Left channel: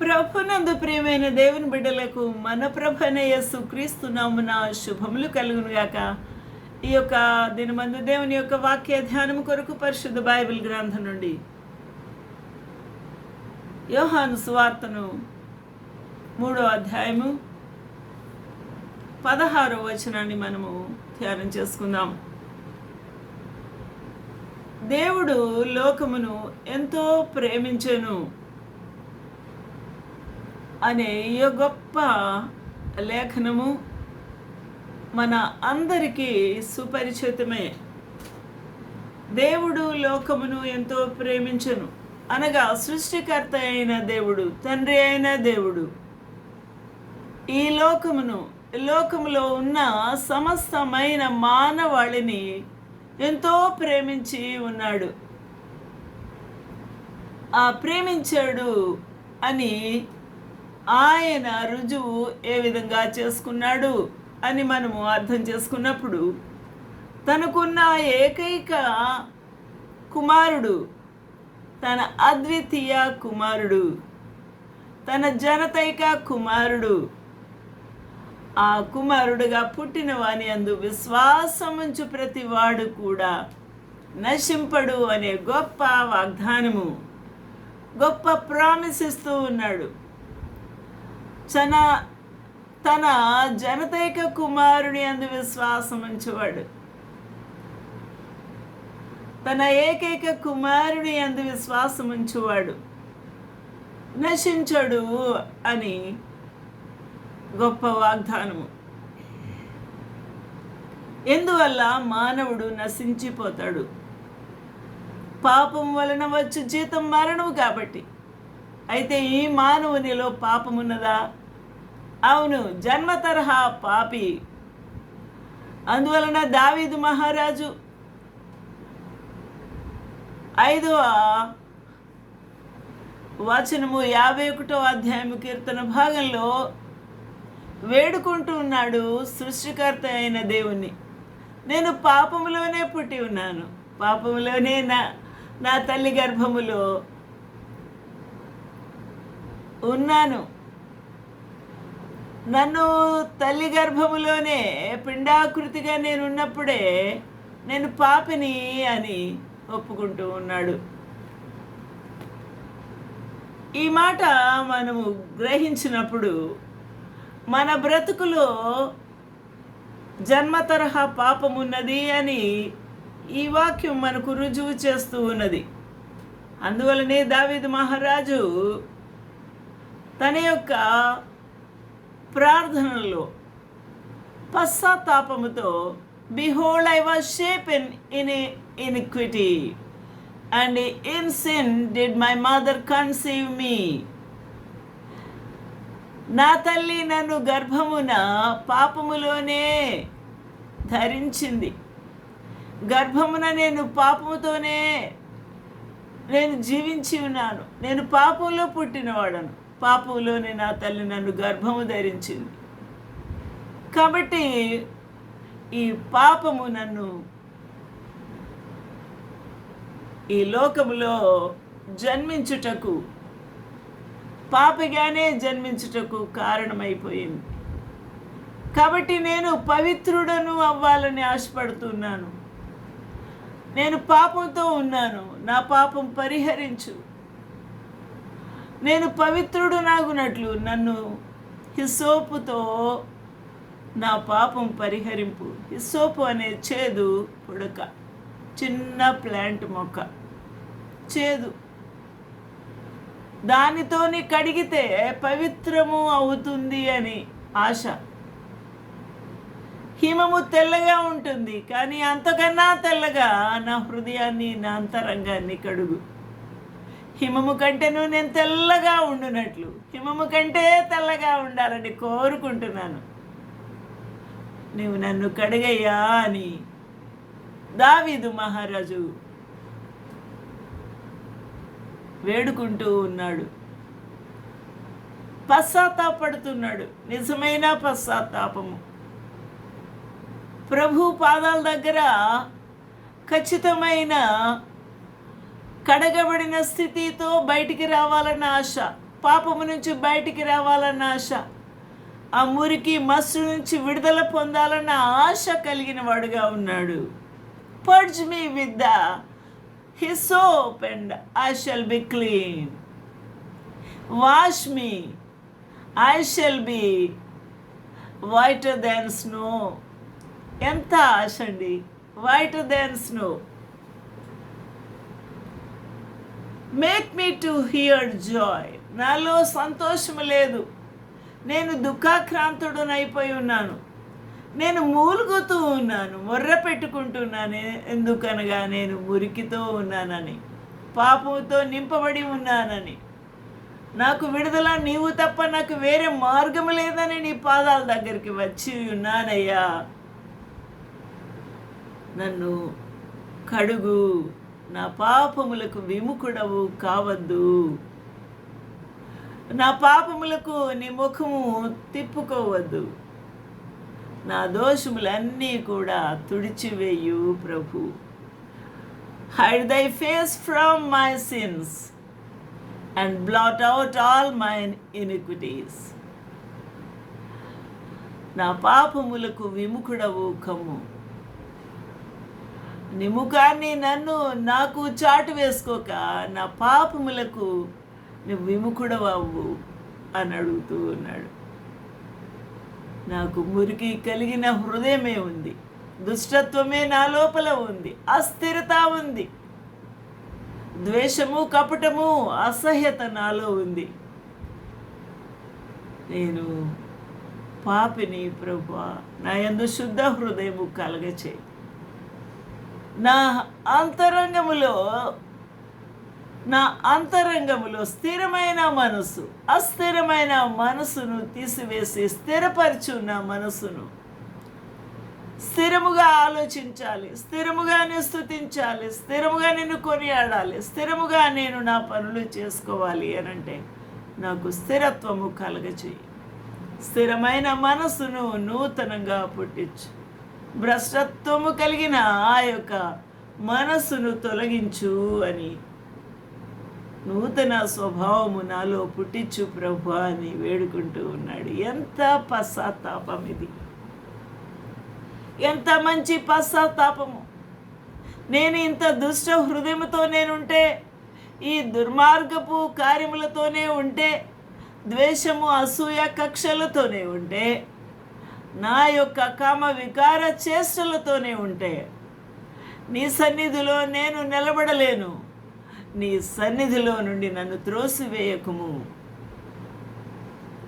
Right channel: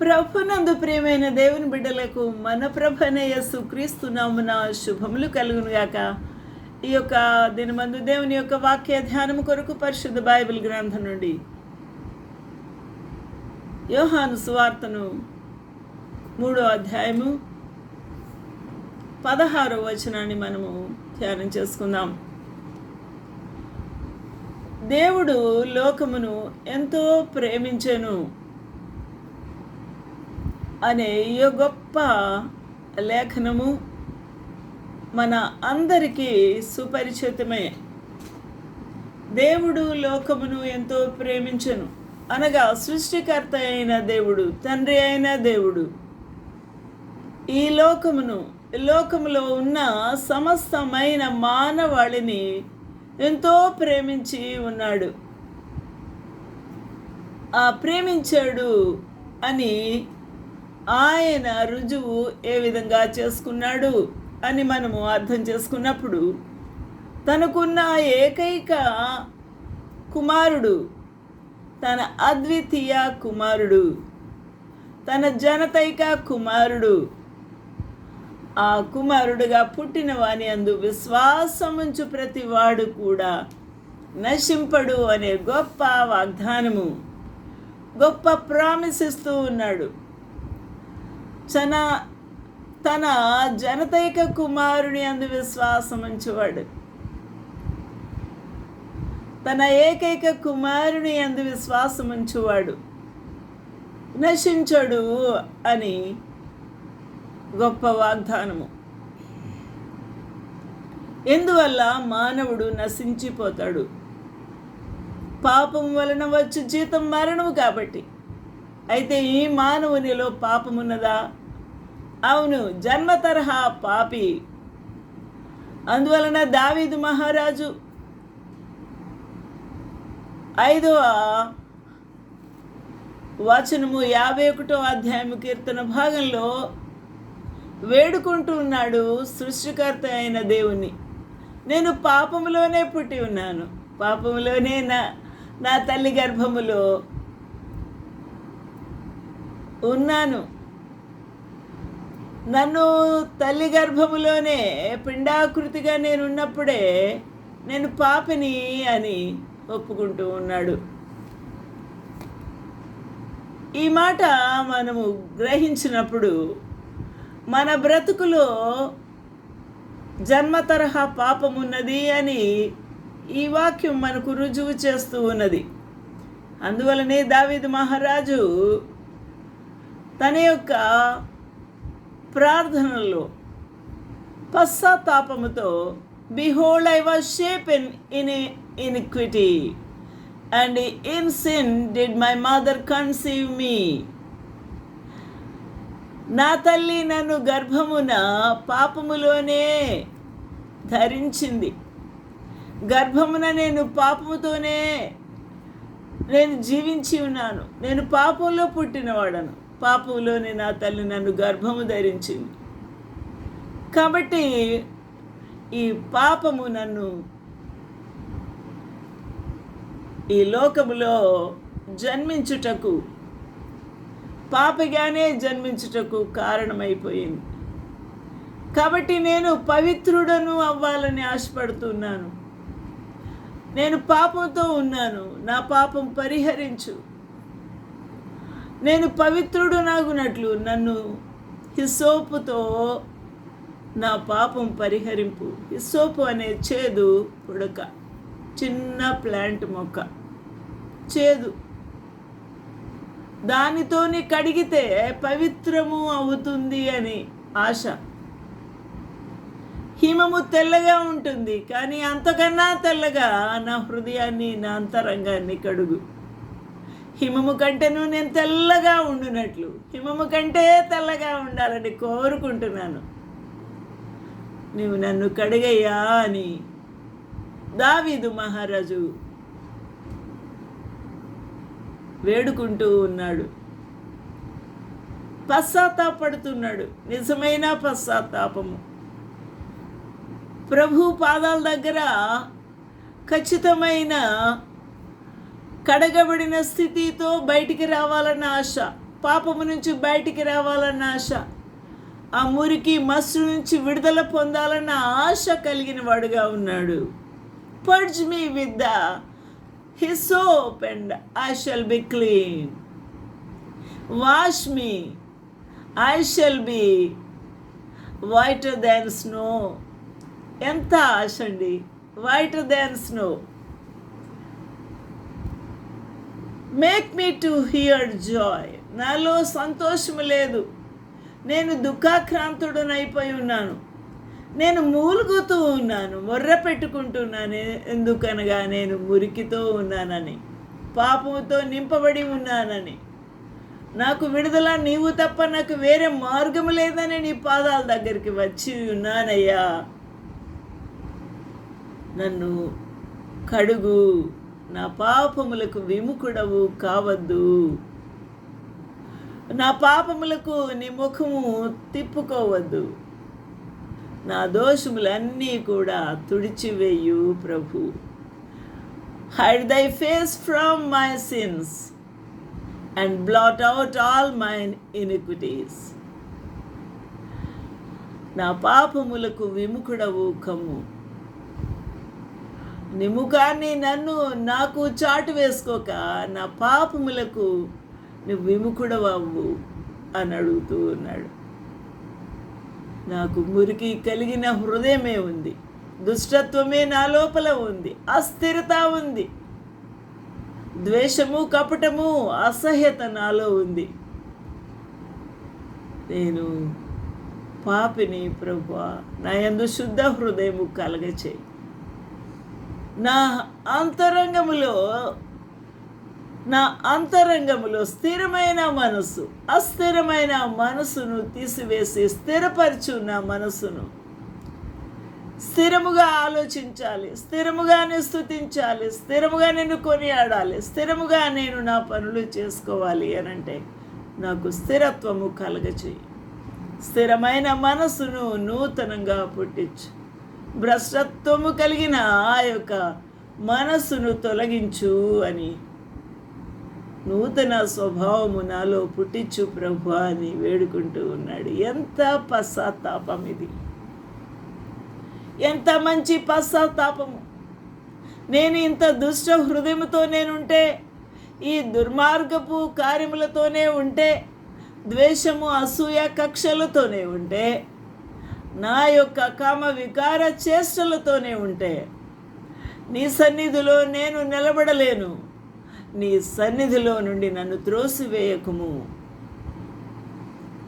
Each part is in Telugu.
ప్రభునందు ప్రియమైన దేవుని బిడ్డలకు మన ప్రభువైన యేసుక్రీస్తు నామమున శుభములు కలుగునుగాక. ఈ యొక్క దినమందు దేవుని యొక్క వాక్య ధ్యానం కొరకు పరిశుద్ధ బైబిల్ గ్రంథం నుండి యోహాను సువార్తను 3వ అధ్యాయము 16వ వచనాన్ని మనము ధ్యానం చేసుకుందాం. దేవుడు లోకమును ఎంతో ప్రేమించెను అనే ఈ గొప్ప లేఖనము మన అందరికీ సుపరిచితమే. దేవుడు లోకమును ఎంతో ప్రేమించెను అనగా సృష్టికర్త అయిన దేవుడు, తండ్రి అయిన దేవుడు ఈ లోకములో ఉన్న సమస్తమైన మానవాళిని ఎంతో ప్రేమించి ఉన్నాడు. ఆ ప్రేమించాడు అని ఆయన రుజువు ఏ విధంగా చేసుకున్నాడు అని మనము అర్థం చేసుకున్నప్పుడు, తనకున్న ఏకైక కుమారుడు, తన అద్వితీయ కుమారుడు, తన జనతైక కుమారుడు, ఆ కుమారుడుగా పుట్టిన వాని అందు విశ్వాసముంచు ప్రతి వాడు కూడా నశింపడు అనే గొప్ప వాగ్దానము, గొప్ప ప్రామిస్ ఇస్తూ ఉన్నాడు. తన జనతైక కుమారుని అందు విశ్వాసం ఉంచేవాడు, తన ఏకైక కుమారుని అందు విశ్వాసం ఉంచేవాడు నశించడు అని గొప్ప వాగ్దానము. ఎందువల్ల మానవుడు నశించిపోతాడు? పాపం వలన వచ్చు జీతం మరణము కాబట్టి. అయితే ఈ మానవునిలో పాపమున్నదా? అవును, జన్మ తరహా పాపి. అందువలన దావీదు మహారాజు 5వ వచనము 51వ అధ్యాయము కీర్తన భాగంలో వేడుకుంటూ ఉన్నాడు సృష్టికర్త అయిన దేవుణ్ణి. నేను పాపములోనే పుట్టి ఉన్నాను, పాపములోనే నా తల్లి గర్భములో ఉన్నాను. నన్ను తల్లి గర్భములోనే పిండాకృతిగా నేను ఉన్నప్పుడే నేను పాపిని అని ఒప్పుకుంటూ ఉన్నాడు. ఈ మాట మనము గ్రహించినప్పుడు మన బ్రతుకులో జన్మ తరహా పాపమున్నది అని ఈ వాక్యం మనకు రుజువు చేస్తూ ఉన్నది. అందువలనే దావీదు మహారాజు తన యొక్క ప్రార్థనలో పశ్చాత్తాపముతో, behold I was shapen in iniquity and in sin did my mother conceive me. నా తల్లి నన్ను గర్భమున పాపములోనే ధరించింది, గర్భమున నేను పాపముతోనే నేను జీవించి ఉన్నాను, నేను పాపంలో పుట్టినవాడను, పాపంలోనే నా తల్లి నన్ను గర్భము ధరించింది. కాబట్టి ఈ పాపము నన్ను ఈ లోకములో జన్మించుటకు, పాపిగానే జన్మించుటకు కారణమైపోయింది. కాబట్టి నేను పవిత్రుడను అవ్వాలని ఆశపడుతున్నాను. నేను పాపంతో ఉన్నాను, నా పాపం పరిహరించు. నేను పవిత్రుడు నాగునట్లు నన్ను హిస్సోపుతో నా పాపం పరిహరింపు. హిస్సోపు అనే చేదు పుడక, చిన్న ప్లాంట్ మొక్క, చేదు, దానితోని కడిగితే పవిత్రము అవుతుంది అని ఆశ. హిమము తెల్లగా ఉంటుంది, కానీ అంతకన్నా తెల్లగా నా హృదయాన్ని, నా అంతరంగాన్ని కడుగు. హిమము కంటేను నేను తెల్లగా ఉండునట్లు, హిమము కంటే తెల్లగా ఉండాలని కోరుకుంటున్నాను. నీవు నన్ను కడిగయ్యా అని దావీదు మహారాజు వేడుకుంటూ ఉన్నాడు, పశ్చాత్తాపడుతున్నాడు. నిజమైన పశ్చాత్తాపము. ప్రభు పాదాల దగ్గర ఖచ్చితమైన కడగబడిన స్థితితో బయటికి రావాలన్న ఆశ, పాపము నుంచి బయటికి రావాలన్న ఆశ, ఆ మురికి మస్సు నుంచి విడుదల పొందాలన్న ఆశ కలిగిన వాడుగా ఉన్నాడు. Purge me with the hyssop and I shall be clean. Wash me, I shall be whiter than snow. ఎంత ఆశ అండి! whiter than snow. Make me to hear joy. నాలో సంతోషము లేదు. నేను దుఃఖాక్రాంతుడనైపోయి ఉన్నాను. నేను మూలుగుతూ ఉన్నాను, మొర్ర పెట్టుకుంటున్నాను. ఎందుకనగా నేను మురికితో ఉన్నానని, పాపముతో నింపబడి ఉన్నానని, నాకు విడుదల నీవు తప్ప నాకు వేరే మార్గము లేదని నీ పాదాల దగ్గరికి వచ్చి ఉన్నానయ్యా. నన్ను కడుగు, నా పాపములకు విముఖుడవు కావద్దు. నా పాపములకు నీ ముఖము తిప్పుకోవద్దు. నా దోషములన్నీ కూడా తుడిచివేయు ప్రభు. హైడ్ దై face from my since and blot out all my iniquities. నా పాపములకు విముఖుడవు కమ్ము. నీ ముఖాన్ని నాకు చాటు వేసుకోక నా పాపములకు నువ్వు విముఖుడవవు అని అడుగుతూ ఉన్నాడు. నాకు మురికి కలిగిన హృదయమే ఉంది, దుష్టత్వమే నా లోపల ఉంది, అస్థిరత ఉంది, ద్వేషము, కపటము, అసహ్యత నాలో ఉంది. నేను పాపిని ప్రభువా, నా యందు శుద్ధ హృదయము కలగచేయి. నా అంతరంగములో స్థిరమైన మనసు, అస్థిరమైన మనసును తీసివేసి స్థిరపరచు. నా మనసును స్థిరముగా ఆలోచించాలి, స్థిరముగా స్తుతించాలి, స్థిరముగా నిన్ను కొనియాడాలి, స్థిరముగా నేను నా పనులు చేసుకోవాలి అనంటే నాకు స్థిరత్వము కలగచేయి. స్థిరమైన మనసును నూతనంగా పుట్టించు. భ్రష్టత్వము కలిగిన ఆ యొక్క మనస్సును తొలగించు అని, నూతన స్వభావము నాలో పుట్టించు ప్రభు అని వేడుకుంటూ ఉన్నాడు. ఎంత పశ్చాత్తాపం ఇది! ఎంత మంచి పశ్చాత్తాపము! నేను ఇంత దుష్ట హృదయముతో నేనుంటే, ఈ దుర్మార్గపు కార్యములతోనే ఉంటే, ద్వేషము, అసూయ, కక్షలతోనే ఉంటే, నా యొక్క కామ వికార చేష్టలతోనే ఉంటే, నీ సన్నిధిలో నేను నిలబడలేను. నీ సన్నిధిలో నుండి నన్ను త్రోసివేయకుము.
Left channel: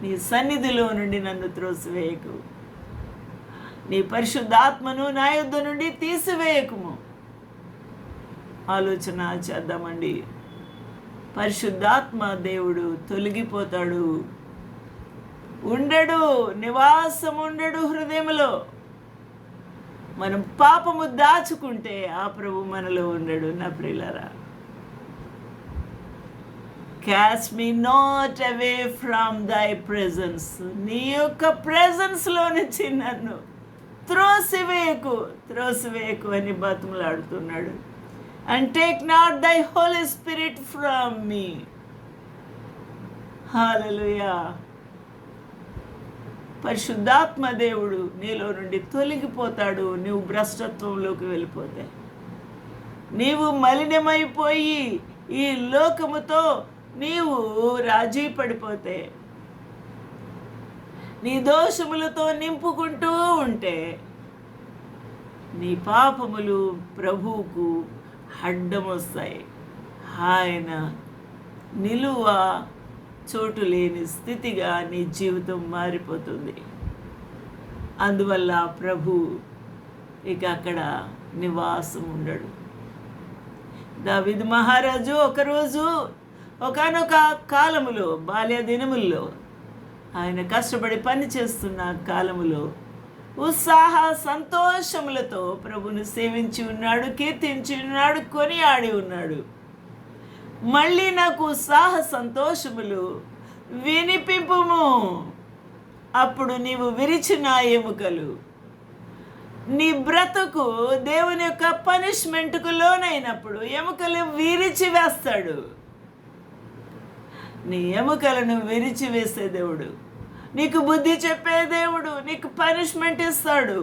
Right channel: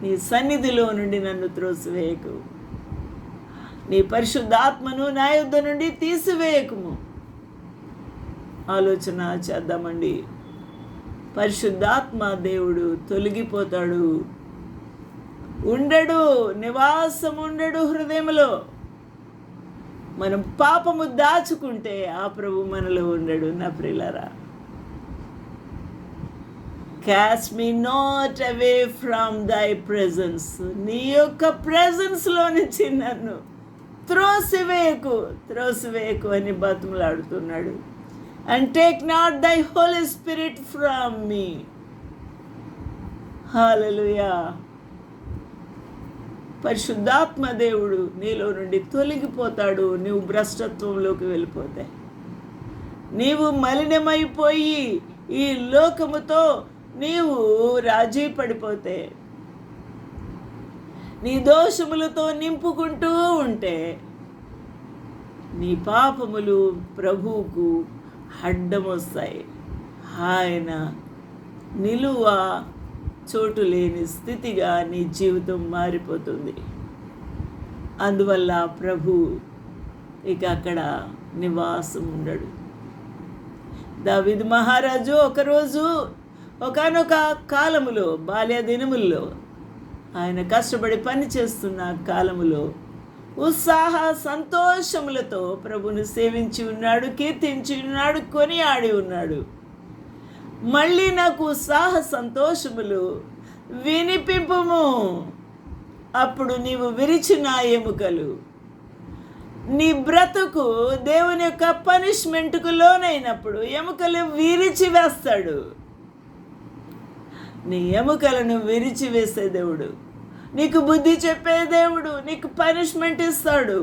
నీ సన్నిధిలో నుండి నన్ను త్రోసివేయకు. నీ పరిశుద్ధాత్మను నా యుద్ధ నుండి తీసివేయకుము. ఆలోచన చేద్దామండి. పరిశుద్ధాత్మ దేవుడు తొలగిపోతాడు, ఉండడు, నివాసం ఉండడు హృదయంలో. మనం పాపము దాచుకుంటే ఆ ప్రభు మనలో ఉండడు. నా ప్రియులారా, caste me not away from దై ప్రెజెన్స్. నీ యొక్క ప్రెజెన్స్లో నుంచి నన్ను త్రోసివేయకు అని బతుములాడుతున్నాడు. అండ్ టేక్ నాట్ దై హోలీ స్పిరిట్ ఫ్రమ్ మీ. హల్లెలూయా. పరిశుద్ధాత్మ దేవుడు నీలో నుండి తొలగిపోతాడు. నువ్వు భ్రష్టత్వంలోకి వెళ్ళిపోతే, నీవు మలినమైపోయి ఈ లోకముతో నీవు రాజీ పడిపోతే, నీ దోషములతో నింపుకుంటూ ఉంటే, నీ పాపములు ప్రభువుకు అడ్డమొస్తాయి. ఆయన నిలువ చోటు లేని స్థితిగా నీ జీవితం మారిపోతుంది. అందువల్ల ప్రభు ఇక అక్కడ నివాసం ఉండడు. దావీదు మహారాజు ఒకరోజు ఒకానొక కాలములో, బాల్య దినముల్లో, ఆయన కష్టపడి పని చేస్తున్న కాలములో ఉత్సాహ సంతోషములతో ప్రభును సేవించి ఉన్నాడు, కీర్తించి ఉన్నాడు, కొనియాడి ఉన్నాడు. మళ్ళీ నాకు ఉత్సాహ సంతోషములు వినిపింపుము. అప్పుడు నీవు విరిచిన ఎముకలు, నీ బ్రతుకు దేవుని యొక్క పనిష్మెంట్కు లోనైనప్పుడు ఎముకలు విరిచి వేస్తాడు. నీ ఎముకలను విరిచివేసే దేవుడు, నీకు బుద్ధి చెప్పే దేవుడు, నీకు పనిష్మెంట్ ఇస్తాడు.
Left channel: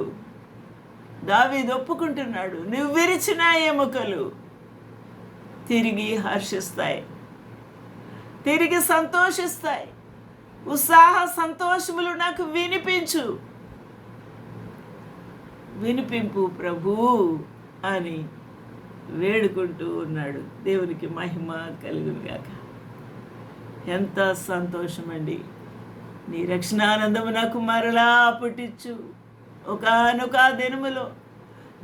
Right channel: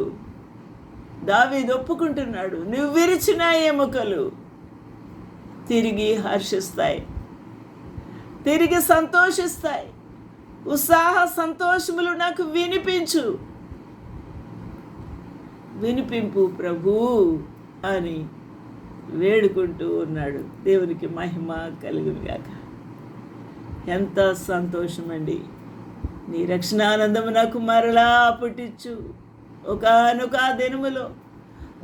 దావీదు ఒప్పుకుంటున్నాడు, నువ్వు విరిచిన ఎముకలు తిరిగి హర్షిస్తాయి, తిరిగి సంతోషిస్తాయి. ఉత్సాహ సంతోషములు నాకు వినిపింపు ప్రభు అని వేడుకుంటూ ఉన్నాడు. దేవునికి మహిమ కలుగునుగాక. ఎంత సంతోషమండి. నీ రక్షణానందము నాకు మరలా పుట్టించు. ఒకానొక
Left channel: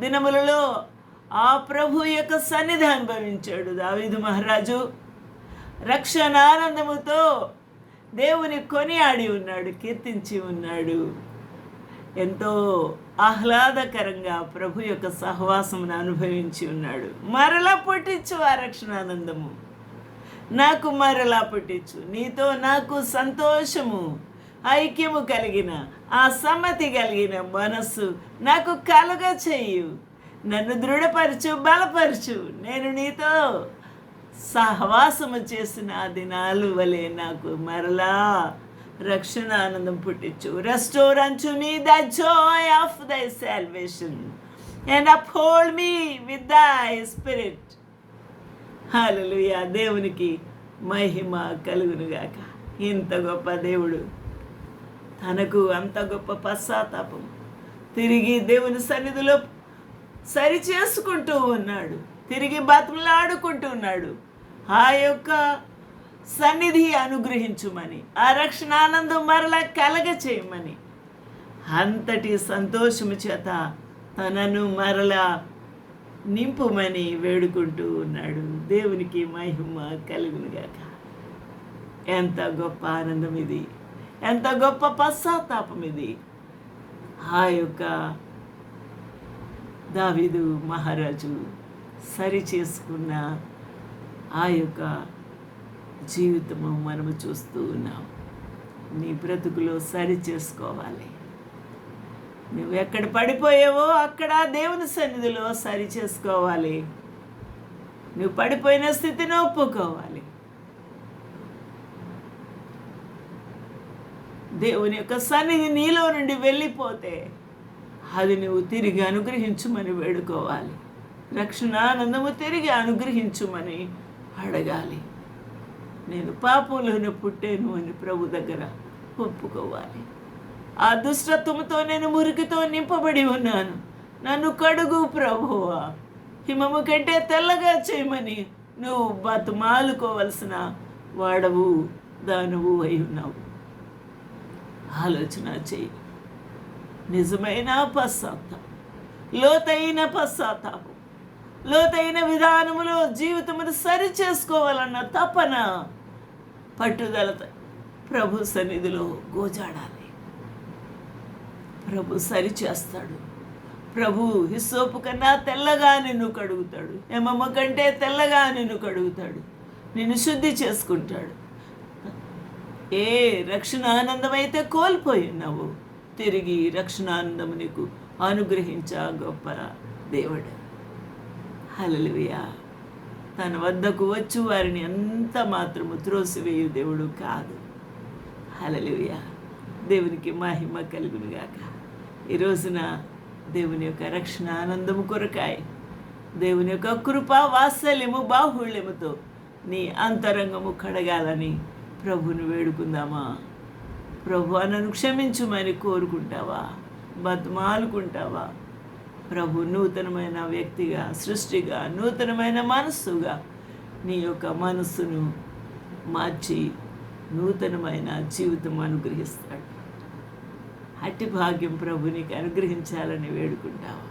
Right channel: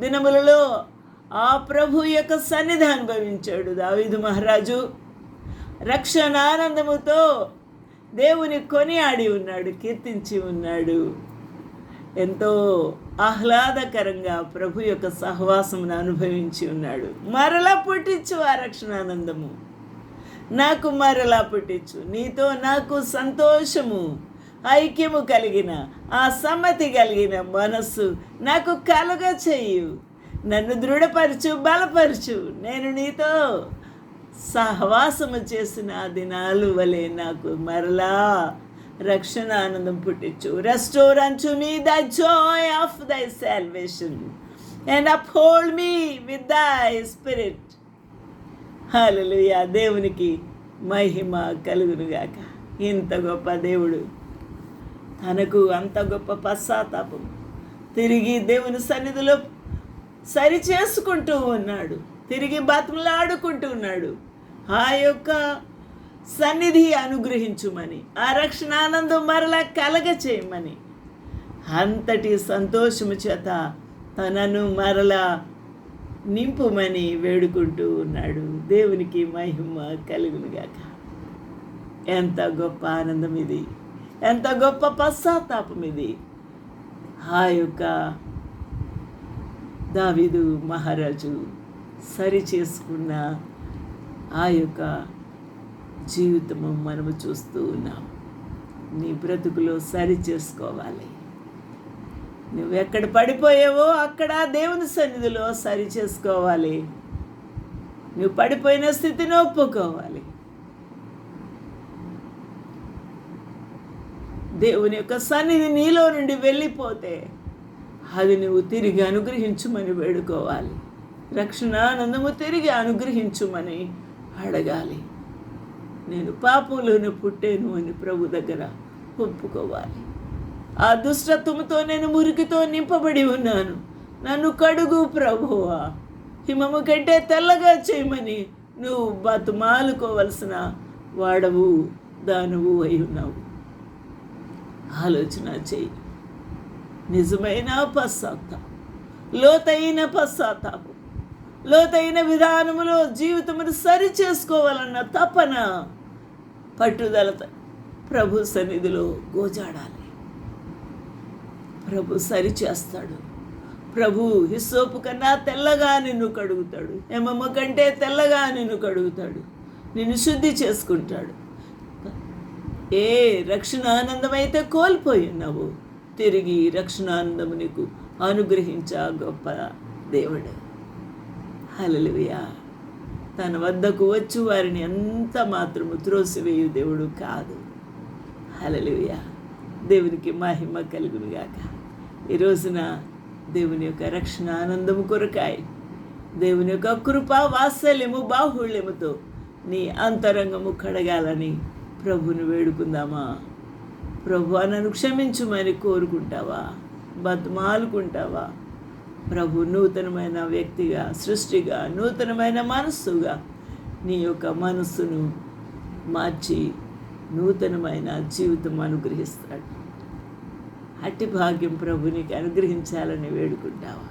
దినములలో ఆ ప్రభు యొక్క సన్నిధి అనుభవించాడు దావీదు మహారాజు. రక్షణానందముతో దేవుని కొనియాడి ఉన్నాడు, కీర్తించి ఉన్నాడు. ఎంతో ఆహ్లాదకరంగా ప్రభు యొక్క సహవాసమును అనుభవించి ఉన్నాడు. మరలా పుట్టించు ఆ రక్షణానందము నాకు, మరలా పుట్టించు. నీతో నాకు సంతోషము, ఐక్యము కలిగిన, ఆ సమ్మతి కలిగిన మనస్సు నాకు కలుగ చెయ్యు. నన్ను దృఢపరచు, బలపరచు. నేను నీతో సహవాసము చేసిన ఆ దినాలు వలె నాకు మరలా రక్షణ ఆనందం పుట్టించు. Restore unto me the joy of thy salvation and uphold me with thy spirit. హల్లెలూయా. దేవునికి మహిమ కలుగునుగాక. ఇంత గొప్ప దేవుడు, తనకు అంత గొప్ప పశ్చాత్తాపం, తిరిగి దేవుని సన్నిధిలో సరి చేసుకుంటూ ఉన్నాడు, తిరిగి బతుకులాడుకుంటూ ఉన్నాడు. ఆ యొక్క సన్నిధి అనుగ్రహించుమని, ఆ రక్షణానందం మరలా కలగ చేయమని, అంతటి సంతోషము చేత తనను మరలా నింపుమని వేడుకుంటూ ఉన్నాడు. దేవునికి మహిమ కలుగునుగాక. ఎంత గొప్ప ఆనందం ఇది, ఎంత గొప్ప పశ్చాత్తాపం ఇది. ఆ యొక్క దావీదు మహారాజు సరి చేసుకున్న ఆ యొక్క జీవితము మనము చూస్తూ ఉన్నాం. నీ బ్రతుకులో సరి చేసుకోవాలి. నువ్వు ఎక్కడ పడిపోయావో అక్కడ దేవుని సన్నిధిలో సరి చేసుకోవాలి. నువ్వు పడిపోయిన స్థితిని ఒప్పుకోవాలి. దేవుని యొక్క సన్నిధి నీలో నుండి వెళ్ళిపోతే అది నువ్వు తిరిగి అనుగ్రహించుమని వేడుకోవాలి. రక్షణానందము తిరిగి అనుగ్రహించుమని అడగాలి. నేను పాపంలోనే పుట్టాను అని ప్రభు దగ్గర ఒప్పుకోవాలి. ఆ దుష్టత్వముతో నేను మురికితో నింపబడి ఉన్నాను, నన్ను కడుగు ప్రభువా, హిమము కంటే తెల్లగా చేయమని నువ్వు బతుమాలుకోవలసిన వాడవు, దానవు అయి ఉన్నావు. ఆలోచన చెయ్యి. నిజమైన పశ్చాత్తాపం, లోతైన పశ్చాత్తాపం, లోతైన విధానములో జీవితమును సరి చేసుకోవాలన్న తపన, పట్టుదలతో ప్రభు సన్నిధిలో గోజాడాలి. ప్రభు సరి చేస్తాడు. ప్రభు హిస్సోపు కన్నా తెల్లగా నిన్ను కడుగుతాడు, హేమమ్మ కంటే తెల్లగా నిన్ను కడుగుతాడు, నిన్ను శుద్ధి చేసుకుంటాడు. ఏ రక్షణానందమైతే కోల్పోయి ఉన్నావు, తిరిగి రక్షణానందము నీకు అనుగ్రహించా గొప్ప దేవుడు. హల్లెలూయా. తన వద్దకు వచ్చి వారిని ఎంత మాత్రము త్రోసివేయు దేవుడు కాదు. హల్లెలూయా. దేవునికి మహిమ కలుగునుగాక. ఈ రోజున దేవుని యొక్క రక్షణ ఆనందము కొరకాయి, దేవుని యొక్క కృప వాత్సల్యము బాహుళ్యముతో నీ అంతరంగము కడగాలని ప్రభుని వేడుకుందామా? ప్రభు నన్ను క్షమించుమని కోరుకుంటావా? బతుమాలుకుంటావా? ప్రభు నూతనమైన వ్యక్తిగా, సృష్టిగా, నూతనమైన మనస్సుగా నీ యొక్క మనస్సును మార్చి నూతనమైన జీవితం అనుగ్రహిస్తాడు. అట్టి భాగ్యం ప్రభు నీకు అనుగ్రహించాలని వేడుకుంటావా?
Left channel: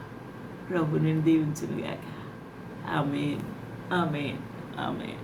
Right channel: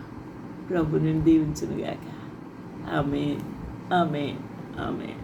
ప్రభు నిన్ను దీవించునుగాక. ఆమేన్, ఆమేన్, ఆమేన్.